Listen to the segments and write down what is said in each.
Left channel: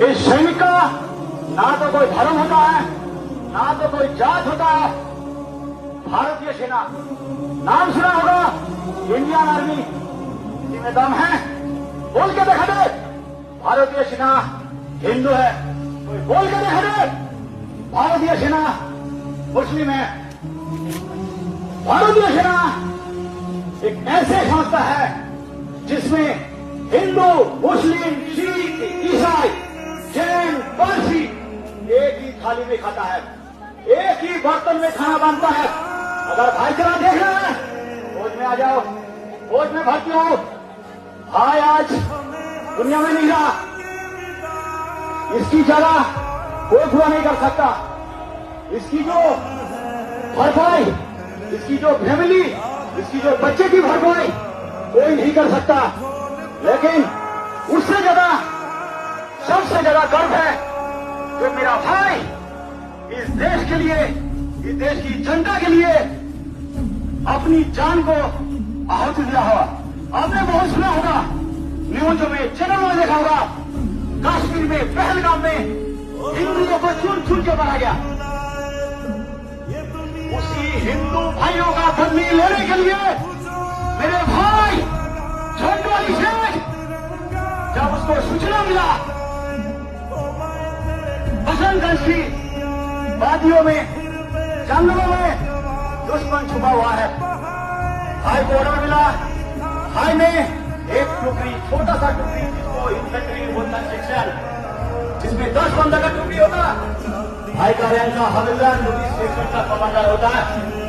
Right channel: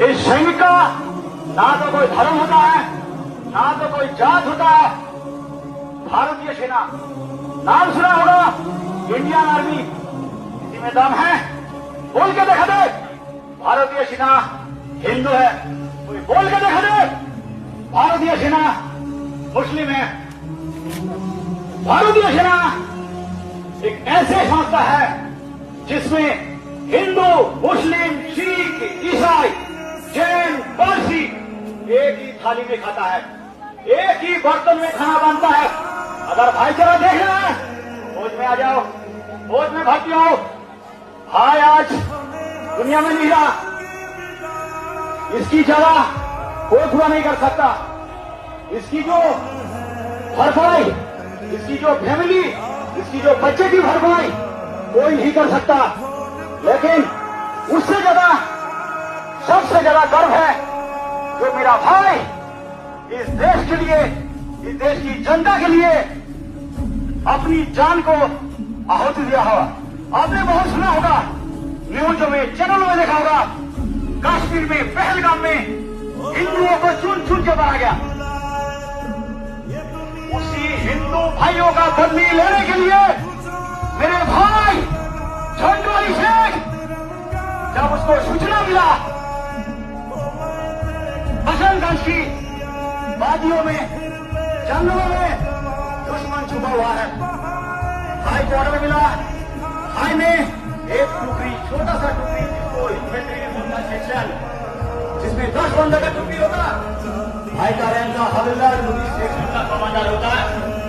इस सैनिक का ना तो कोई धर्म होता है, ना तो कोई जात होता है। भारतीय सेना नाम सुना होगा, इंडियन आर्मी, इसी में दम है। बोल के देखा दे भारतीय सेना हिंदू है, कोई बोल के देखा दे भारतीय सेना मुस्लिम है। भारतीय सेना एक ऐसे संस्था है जिसमें हिंदू, मुस्लिम, सिख, ईसाई, जैन, पारसी एक ही थाली में खाता है, एक ही बर्तन में खाना बनता है। अगर भाईचारा देखना है, फौज में आ जाओ, फौज में भर्ती हो। भाई आज दुनिया में नहीं रहा, इसकी जगह कोई पूरा नहीं कर सकता। इसकी जो भरपाई, इसकी जो फैमिली, इसकी जो बच्चे की भरपाई कोई नहीं कर सकता। लेकिन उससे ज्यादा, सबसे ज्यादा गर्व है जो मेरा भाई इस देश के लिए, इस देश की जनता के लिए अपनी जान को आहुति दिया होगा। आपने बहुत सुना होगा, न्यूज़ों में, चैनलों में देखा होगा, कश्मीर में, पहलगाम में हिंदुओं को चुन चुन के मारा गया। उसी हिंदू भाइयों का बदली लेने के लिए मेरे भाई झंडू अली शेख, जब उसको सूचना मिला बसंतगंज की वादियों में, जंगलों में दुश्मन छुपा हुआ है, भाई को ऑर्डर मिला। भाई ने एक टुकड़ी, छोटा सा टुकड़ी, जिसको इन्फेंट्री बोलते हैं, सेक्शन, जिसमें 10 बंदा का टुकड़ी होता, भाई का रहना हवलदार सेक्शन का कमांडर होता,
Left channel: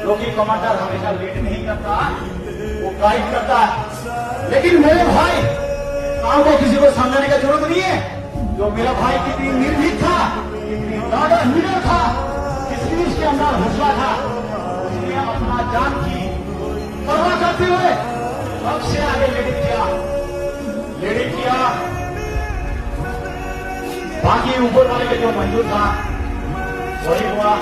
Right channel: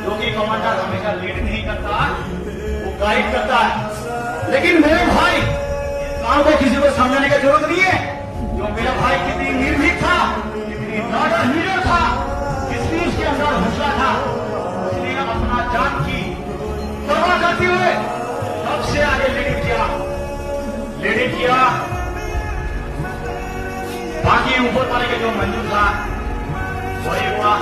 जो कि कमांडर हमेशा लीड नहीं करता, वो गाइड करता है। लेकिन मेरे भाई काम को किसी को समझाने की जरूरत नहीं है। जो मेरा भाई कितनी निर्भीक था, कितनी ज्यादा हीरो था, कितनी उसके अंदर हौसला था, उसने अपना जान की परवाह करते हुए सबसे आगे लीड किया। बाकी ऊपर वाले के जो मंजूर था वही हुआ।